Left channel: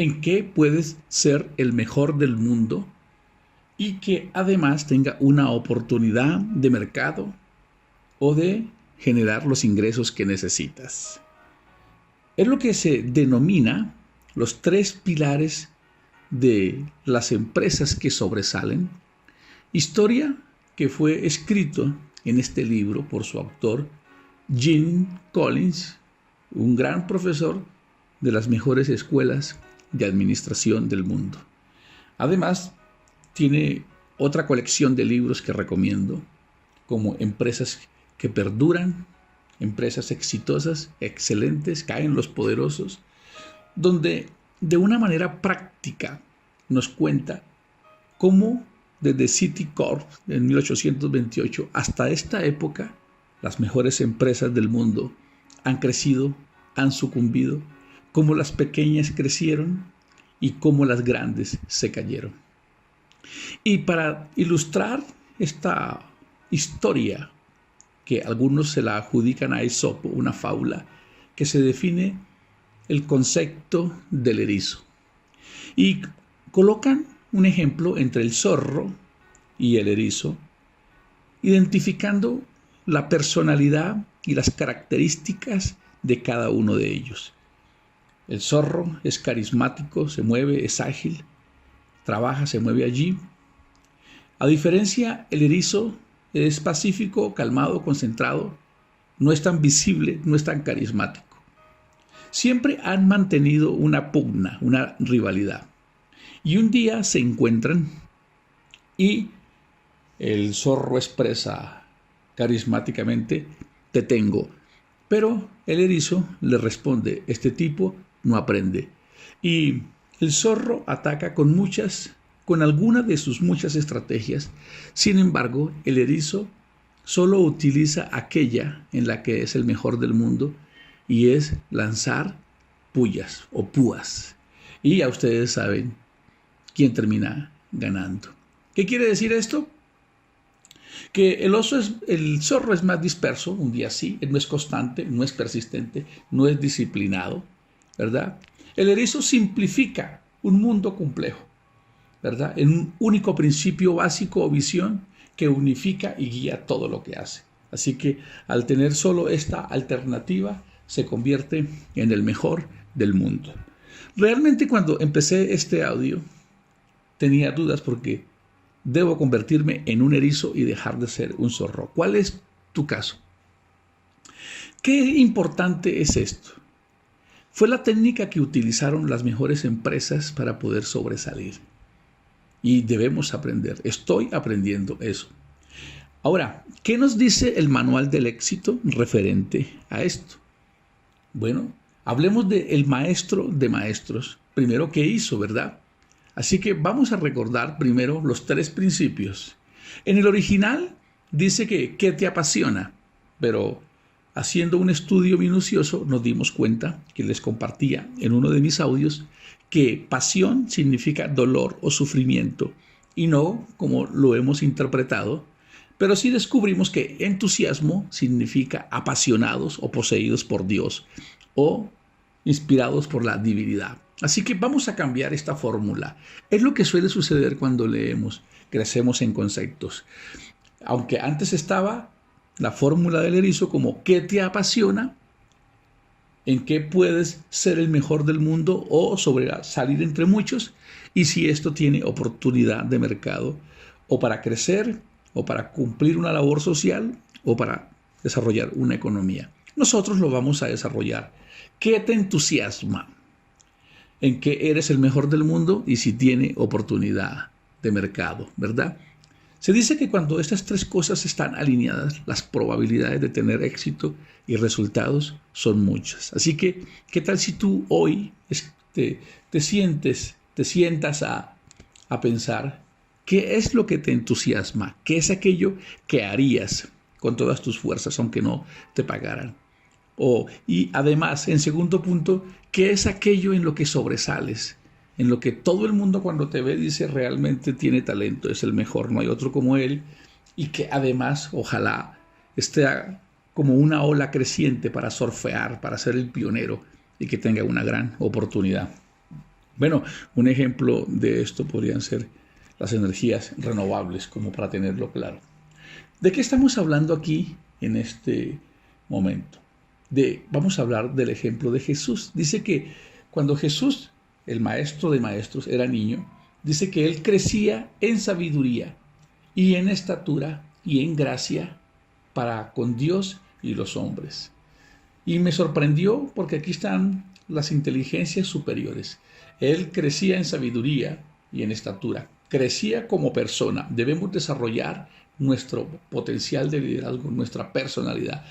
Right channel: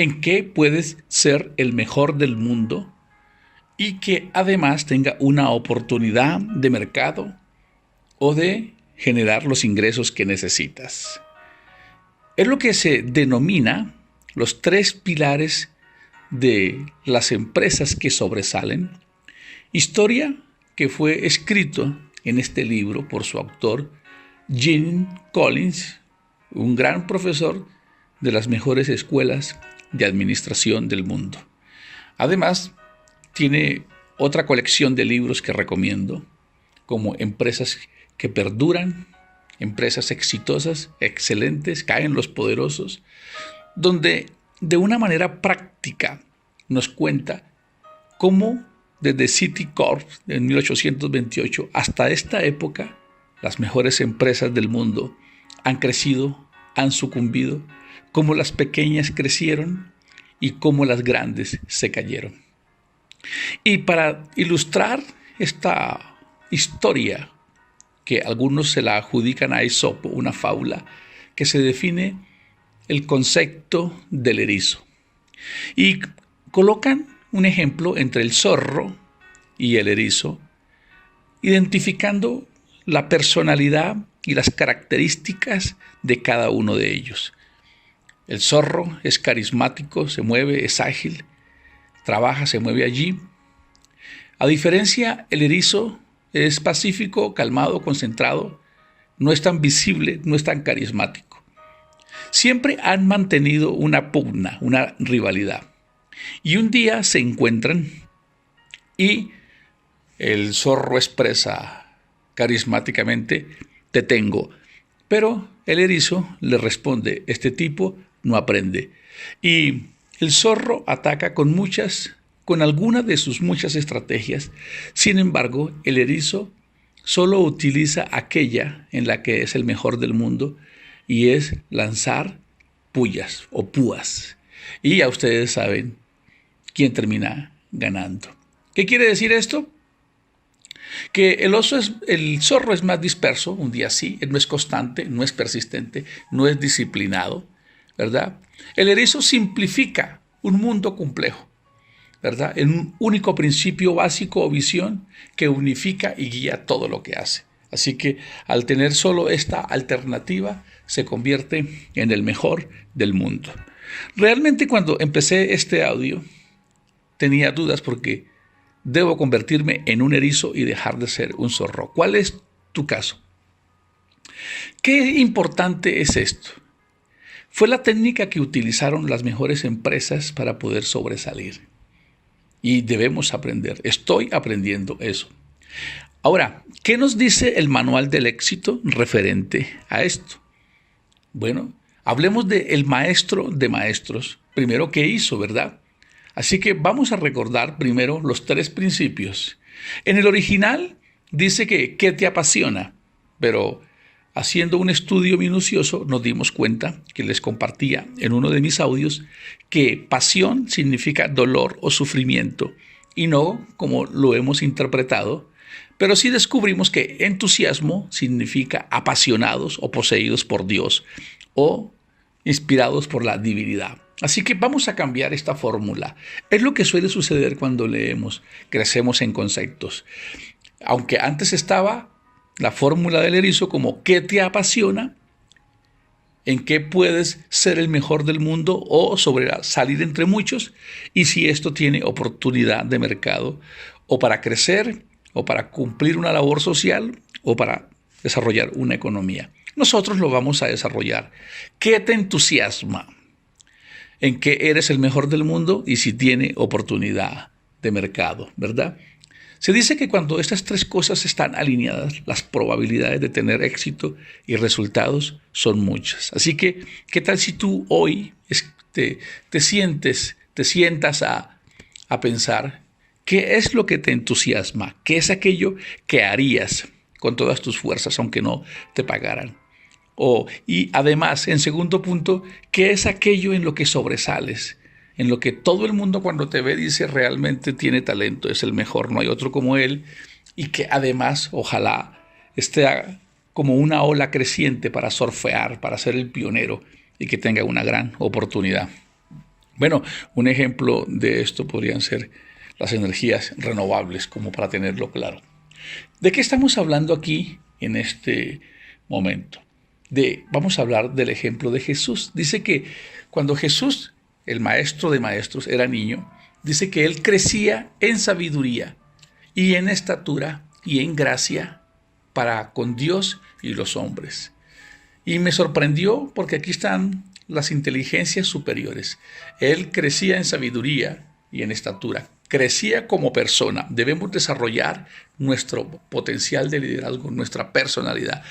en qué puedes ser el mejor del mundo y que además tenga una oportunidad de mercado o de generar los ingresos que necesitas. Es lo que se denomina los 3 pilares de las empresas que sobresalen. Historia que fue escrito en este libro por su autor, Jim Collins, un gran profesor de las mejores escuelas de administración del mundo. Además, tiene otra colección de libros que recomiendo, como Empresas que perduran, Empresas exitosas, excelentes, caen los poderosos, donde de una manera práctica nos cuenta cómo desde Citicorp en 1828 hasta esta época las mejores empresas del mundo han crecido, han sucumbido, cómo las pequeñas crecieron y cómo las grandes se cayeron. Y para ilustrar esta historia, que algunos se la adjudican a Esopo, una fábula, que se define el concepto del erizo. Y colocan un ejemplo entre el zorro y el erizo, identificando la personalidad y las características de cada uno de ellos. El zorro es carismático, se mueve, es ágil, trabaja, se mueve allí. A diferencia, el erizo es pacífico, calmado, concentrado, no es tan visible, no es tan carismático. Siempre han mantenido una pugna, una rivalidad. Y un día se encuentran y el zorro expresa carismáticamente: te tengo. Pero el erizo le responde: este tipo no aprende. Y el zorro ataca con alguna de sus muchas estrategias. Sin embargo, el erizo solo utiliza aquella en la que es el mejor del mundo, y es lanzar pullas o púas. Y ya ustedes saben quién termina ganando. ¿Qué quiere decir esto? Que el zorro es más disperso, un día sí, no es constante, no es persistente, no es disciplinado, ¿verdad? El erizo simplifica un mundo complejo, ¿verdad? En un único principio básico o visión que unifica y guía todo lo que hace. Así que al tener solo esta alternativa, se convierte en el mejor del mundo. Realmente cuando empecé este audio, tenía dudas porque debo convertirme en un erizo y dejar de ser un zorro. ¿Cuál es tu caso? ¿Qué importante es esto? Fue la técnica que utilizaron las mejores empresas para poder sobresalir. Y debemos aprender. Estoy aprendiendo eso. Ahora, ¿qué nos dice el manual del éxito referente a esto? Bueno, hablemos del maestro de maestros. Primero, ¿qué hizo, verdad? Así que vamos a recordar primero los 3 principios. En el original dice que ¿qué te apasiona? Pero haciendo un estudio minucioso nos dimos cuenta, que les compartía en uno de mis audios, que pasión significa dolor o sufrimiento y no como lo hemos interpretado, pero sí descubrimos que entusiasmo significa apasionados o poseídos por Dios o inspirados por la divinidad. Así que vamos a cambiar esta fórmula. Es lo que suele suceder cuando leemos, crecemos en conceptos. Aunque antes estaba la fórmula del erizo como ¿qué te apasiona? ¿En qué puedes ser el mejor del mundo o sobresalir entre muchos? Y si esto tiene oportunidad de mercado o para crecer o para cumplir una labor social o para desarrollar una economía. Nosotros lo vamos a desarrollar. ¿Qué te entusiasma? ¿En qué eres el mejor del mundo? Y si tiene oportunidad de mercado, ¿verdad? Se dice que cuando estas 3 cosas están alineadas, las probabilidades de tener éxito y resultados son muchas. Así que, ¿qué tal si tú hoy te sientas a pensar qué es lo que te entusiasma? ¿Qué es aquello que harías con todas tus fuerzas aunque no te pagaran? Y además, en segundo punto, ¿qué es aquello en lo que sobresales? En lo que todo el mundo cuando te ve dice realmente tiene talento, es el mejor, no hay otro como él, y que además ojalá esté como una ola creciente para surfear, para ser el pionero y que tenga una gran oportunidad. Bueno, un ejemplo de esto podrían ser las energías renovables, como para tenerlo claro. ¿De qué estamos hablando aquí en este momento? Vamos a hablar del ejemplo de Jesús. Dice que cuando Jesús, el maestro de maestros, era niño, dice que él crecía en sabiduría y en estatura y en gracia para con Dios y los hombres. Y me sorprendió porque aquí están las inteligencias superiores. Él crecía en sabiduría y en estatura. Crecía como persona. Debemos desarrollar nuestro potencial de liderazgo, nuestra personalidad.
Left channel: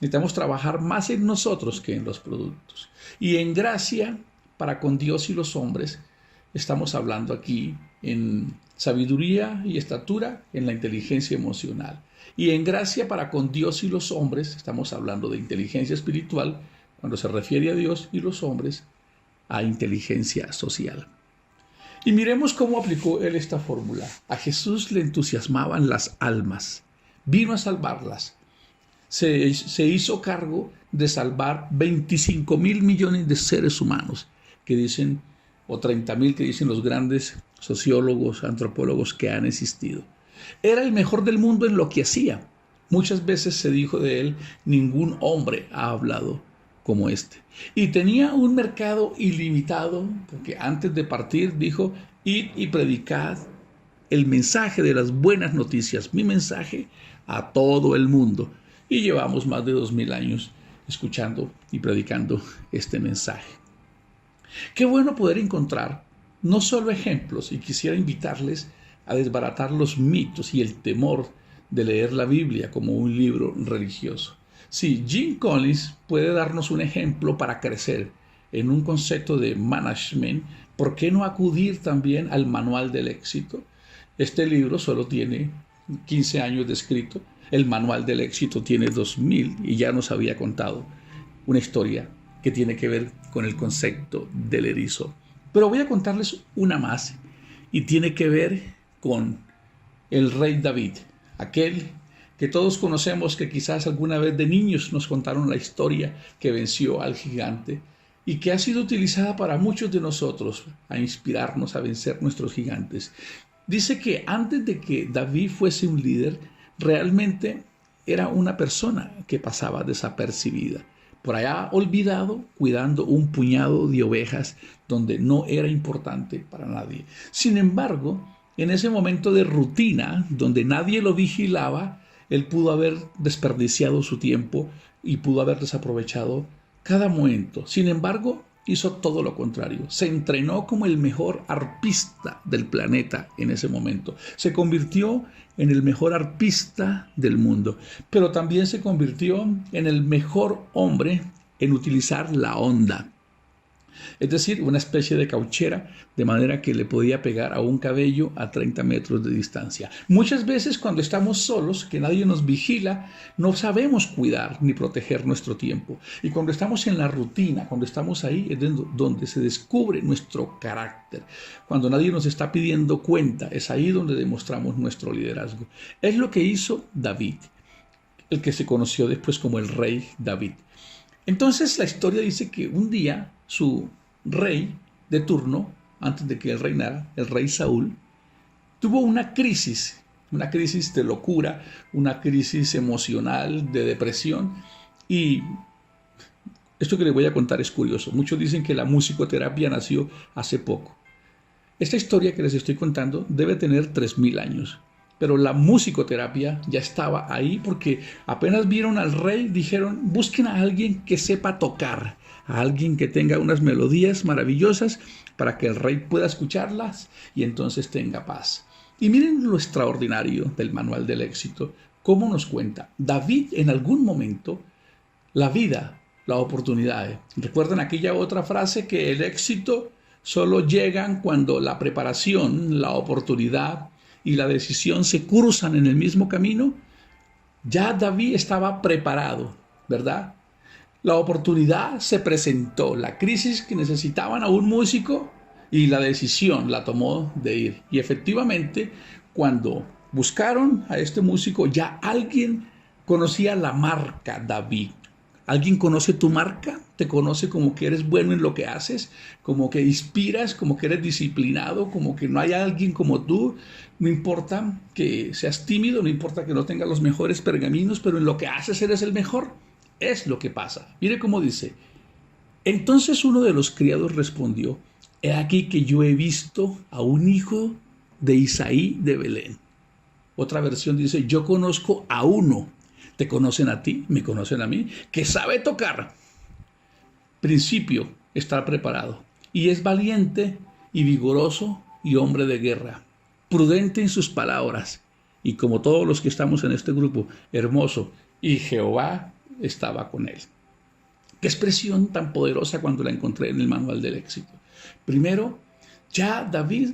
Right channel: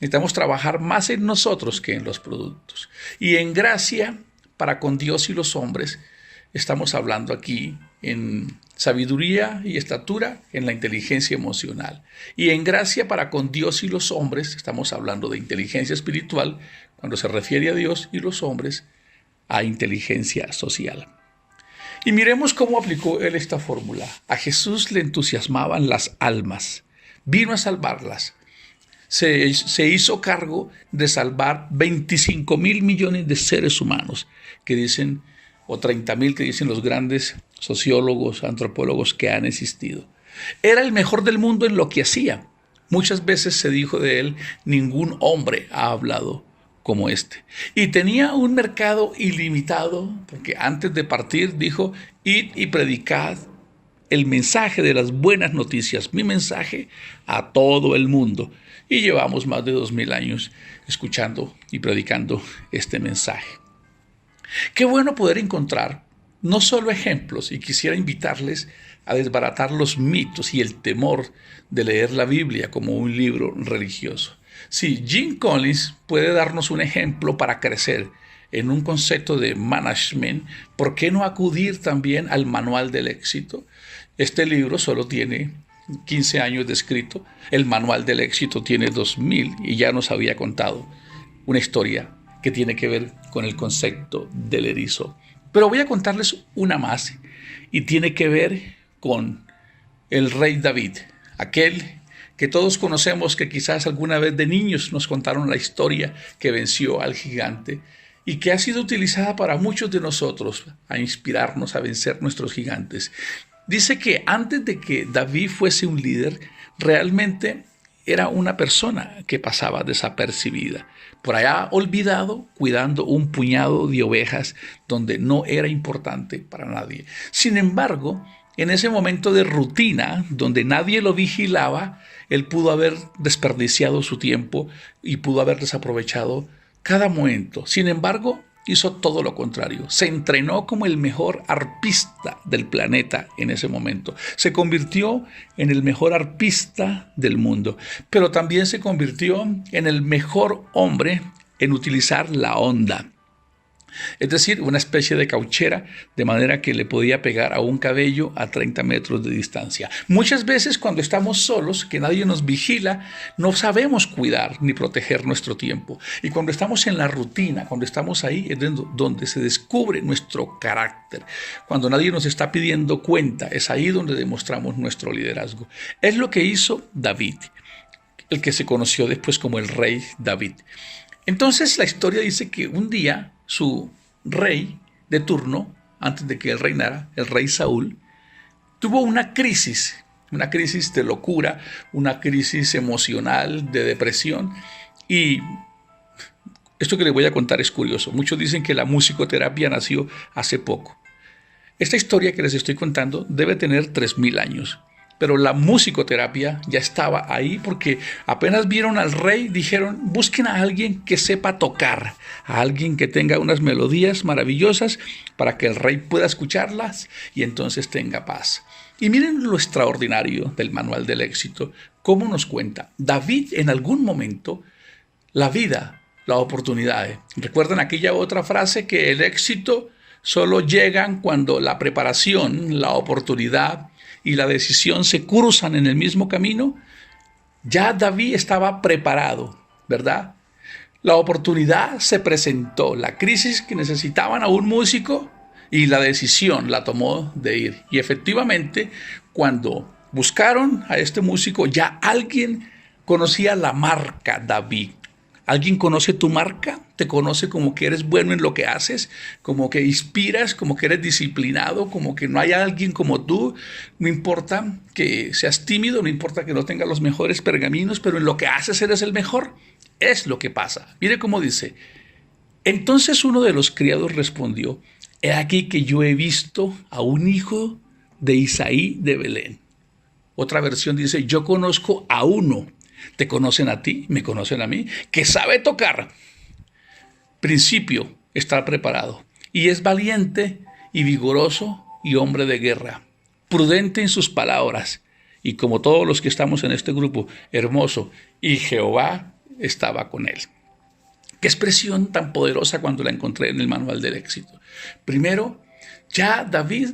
Necesitamos trabajar más en nosotros que en los productos. Y en gracia para con Dios y los hombres, estamos hablando aquí en sabiduría y estatura, en la inteligencia emocional. Y en gracia para con Dios y los hombres, estamos hablando de inteligencia espiritual, cuando se refiere a Dios y los hombres, a inteligencia social. Y miremos cómo aplicó él esta fórmula. A Jesús le entusiasmaban las almas, vino a salvarlas. Se hizo cargo de salvar 25,000 millones de seres humanos, que dicen, o 30,000 que dicen los grandes sociólogos, antropólogos que han existido. Era el mejor del mundo en lo que hacía. Muchas veces se dijo de él, ningún hombre ha hablado como este. Y tenía un mercado ilimitado, porque antes de partir dijo, id y predicad el mensaje de las buenas noticias, mi mensaje, a todo el mundo. Y llevamos más de 2000 años escuchando y predicando este mensaje. Qué bueno poder encontrar no solo ejemplos, y quisiera invitarles a desbaratar los mitos y el temor de leer la Biblia como un libro religioso. Sí, Jim Collins puede darnos un ejemplo para crecer en un concepto de management. ¿Por qué no acudir también al manual del éxito? Este libro solo tiene 15 años de escrito. El manual del éxito tiene 2000 y ya nos había contado una historia que tiene que ver con el concepto del erizo. Pero voy a contarles una más y tiene que ver con el rey David, aquel que todos conocemos, que quizás alguna vez de niños nos contaron la historia que venció al gigante y que ha sido utilizada para muchos de nosotros a inspirarnos a vencer nuestros gigantes. Dice que antes de que David fuese un líder, realmente era una persona que pasaba desapercibida, por allá olvidado, cuidando un puñado de ovejas donde no era importante para nadie. Sin embargo, en ese momento de rutina, donde nadie lo vigilaba, él pudo haber desperdiciado su tiempo y pudo haber desaprovechado cada momento. Sin embargo, hizo todo lo contrario. Se entrenó como el mejor arpista del planeta en ese momento. Se convirtió en el mejor arpista del mundo, pero también se convirtió en el mejor hombre en utilizar la onda. Es decir, una especie de cauchera, de manera que le podía pegar a un cabello a 30 metros de distancia. Muchas veces cuando estamos solos, que nadie nos vigila, no sabemos cuidar ni proteger nuestro tiempo. Y cuando estamos en la rutina, cuando estamos ahí, es donde se descubre nuestro carácter. Cuando nadie nos está pidiendo cuenta, es ahí donde demostramos nuestro liderazgo. Es lo que hizo David, el que se conoció después como el rey David. Entonces la historia dice que un día su rey de turno, antes de que él reinara, el rey Saúl, tuvo una crisis de locura, una crisis emocional, de depresión. Y esto que les voy a contar es curioso. Muchos dicen que la musicoterapia nació hace poco. Esta historia que les estoy contando debe tener 3000 años. Pero la musicoterapia ya estaba ahí porque apenas vieron al rey, dijeron, busquen a alguien que sepa tocar, a alguien que tenga unas melodías maravillosas para que el rey pueda escucharlas y entonces tenga paz. Y miren lo extraordinario del manual del éxito, cómo nos cuenta. David en algún momento, la vida, la oportunidad. ¿Recuerdan aquella otra frase que el éxito solo llegan cuando la preparación, la oportunidad y la decisión se cruzan en el mismo camino? Ya David estaba preparado, ¿verdad? La oportunidad se presentó, la crisis que necesitaban a un músico y la decisión la tomó de ir. Y efectivamente, cuando buscaron a este músico, ya alguien conocía la marca David. ¿Alguien conoce tu marca? ¿Te conoce como que eres bueno en lo que haces? ¿Como que inspiras? ¿Como que eres disciplinado? ¿Como que no hay alguien como tú? No importa que seas tímido, no importa que no tengas los mejores pergaminos, pero en lo que haces eres el mejor. Es lo que pasa. Mire cómo dice. Entonces uno de los criados respondió, he aquí que yo he visto a un hijo de Isaí de Belén. Otra versión dice, yo conozco a uno. ¿Te conocen a ti? ¿Me conocen a mí? Que sabe tocar. Principio, estar preparado. Y es valiente y vigoroso y hombre de guerra. Prudente en sus palabras. Y como todos los que estamos en este grupo, hermoso. Y Jehová estaba con él. Qué expresión tan poderosa cuando la encontré en el manual del éxito. Primero, ya David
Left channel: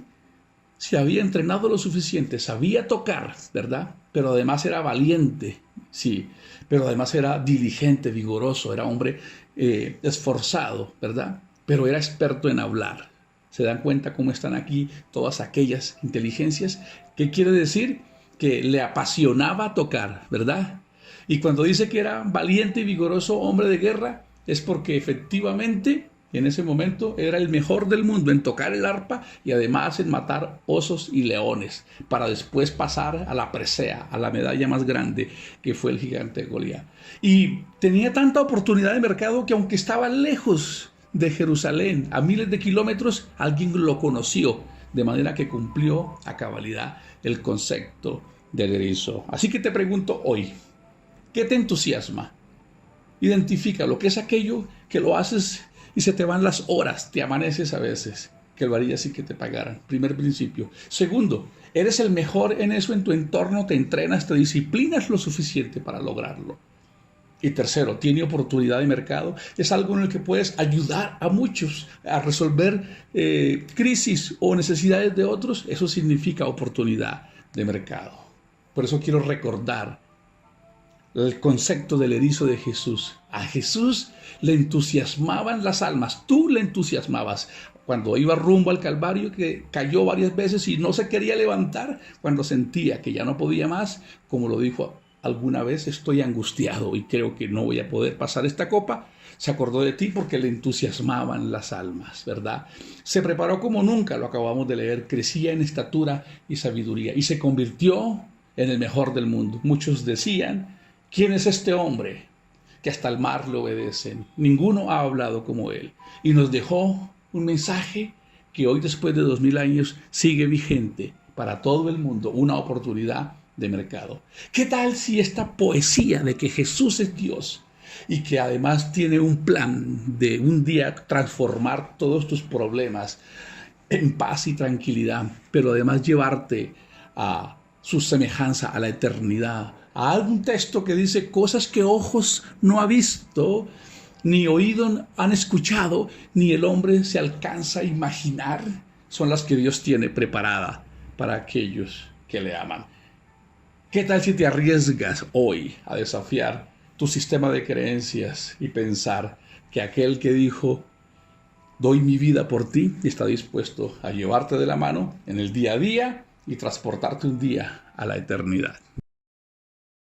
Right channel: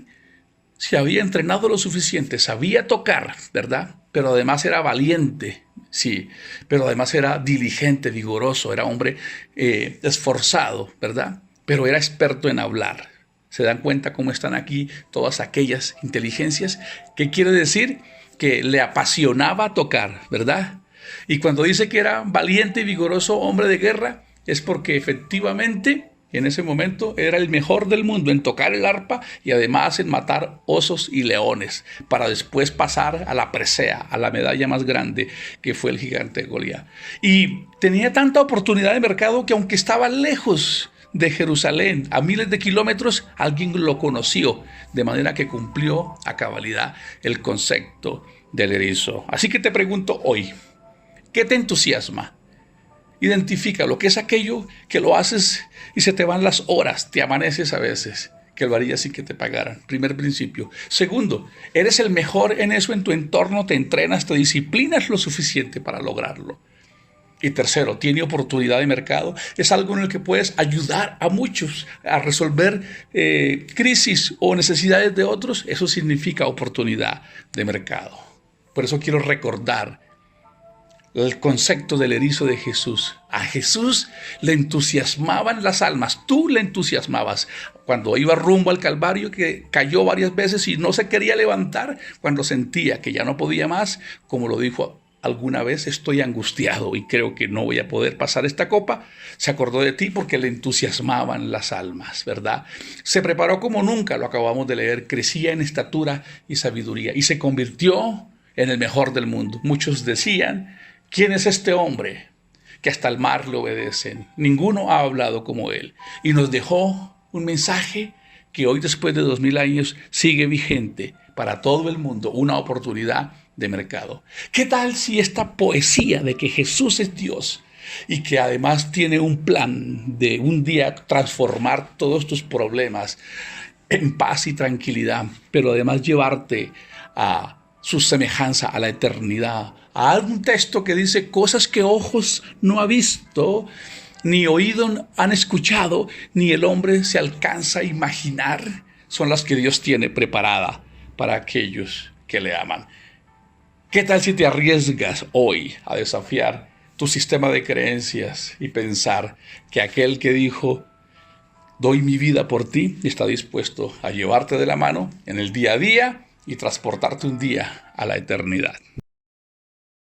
se había entrenado lo suficiente, sabía tocar, ¿verdad? Pero además era valiente, sí, pero además era diligente, vigoroso, era hombre esforzado, ¿verdad? Pero era experto en hablar. ¿Se dan cuenta cómo están aquí todas aquellas inteligencias? ¿Qué quiere decir? Que le apasionaba tocar, ¿verdad? Y cuando dice que era valiente y vigoroso hombre de guerra, es porque efectivamente en ese momento era el mejor del mundo en tocar el arpa y además en matar osos y leones, para después pasar a la presea, a la medalla más grande que fue el gigante Goliat. Y tenía tanta oportunidad de mercado que aunque estaba lejos de Jerusalén, a miles de kilómetros, alguien lo conoció, de manera que cumplió a cabalidad el concepto del erizo. Así que te pregunto hoy, ¿qué te entusiasma? Identifica lo que es aquello que lo haces y se te van las horas, te amaneces a veces, que lo harías sin que te pagaran. Primer principio. Segundo, eres el mejor en eso en tu entorno, te entrenas, te disciplinas lo suficiente para lograrlo. Y tercero, tiene oportunidad de mercado, es algo en el que puedes ayudar a muchos a resolver crisis o necesidades de otros, eso significa oportunidad de mercado. Por eso quiero recordar el concepto del erizo de Jesús. A Jesús le entusiasmaban las almas, tú le entusiasmabas. Cuando iba rumbo al Calvario, que cayó varias veces y no se quería levantar, cuando sentía que ya no podía más, como lo dijo alguna vez, estoy angustiado y creo que no voy a poder pasar esta copa, se acordó de ti porque le entusiasmaban las almas, ¿verdad? Se preparó como nunca, lo acabamos de leer, crecía en estatura y sabiduría y se convirtió en el mejor del mundo. Muchos decían, ¿quién es este hombre que hasta el mar le obedecen? Ninguno ha hablado como él. Y nos dejó un mensaje que hoy, después de 2000 años, sigue vigente para todo el mundo, una oportunidad de mercado. ¿Qué tal si esta poesía de que Jesús es Dios y que además tiene un plan de un día transformar todos tus problemas en paz y tranquilidad, pero además llevarte a su semejanza, a la eternidad, a algún texto que dice cosas que ojos no ha visto, ni oído han escuchado, ni el hombre se alcanza a imaginar, son las que Dios tiene preparada para aquellos que le aman? ¿Qué tal si te arriesgas hoy a desafiar tu sistema de creencias y pensar que aquel que dijo, doy mi vida por ti, está dispuesto a llevarte de la mano en el día a día y transportarte un día a la eternidad?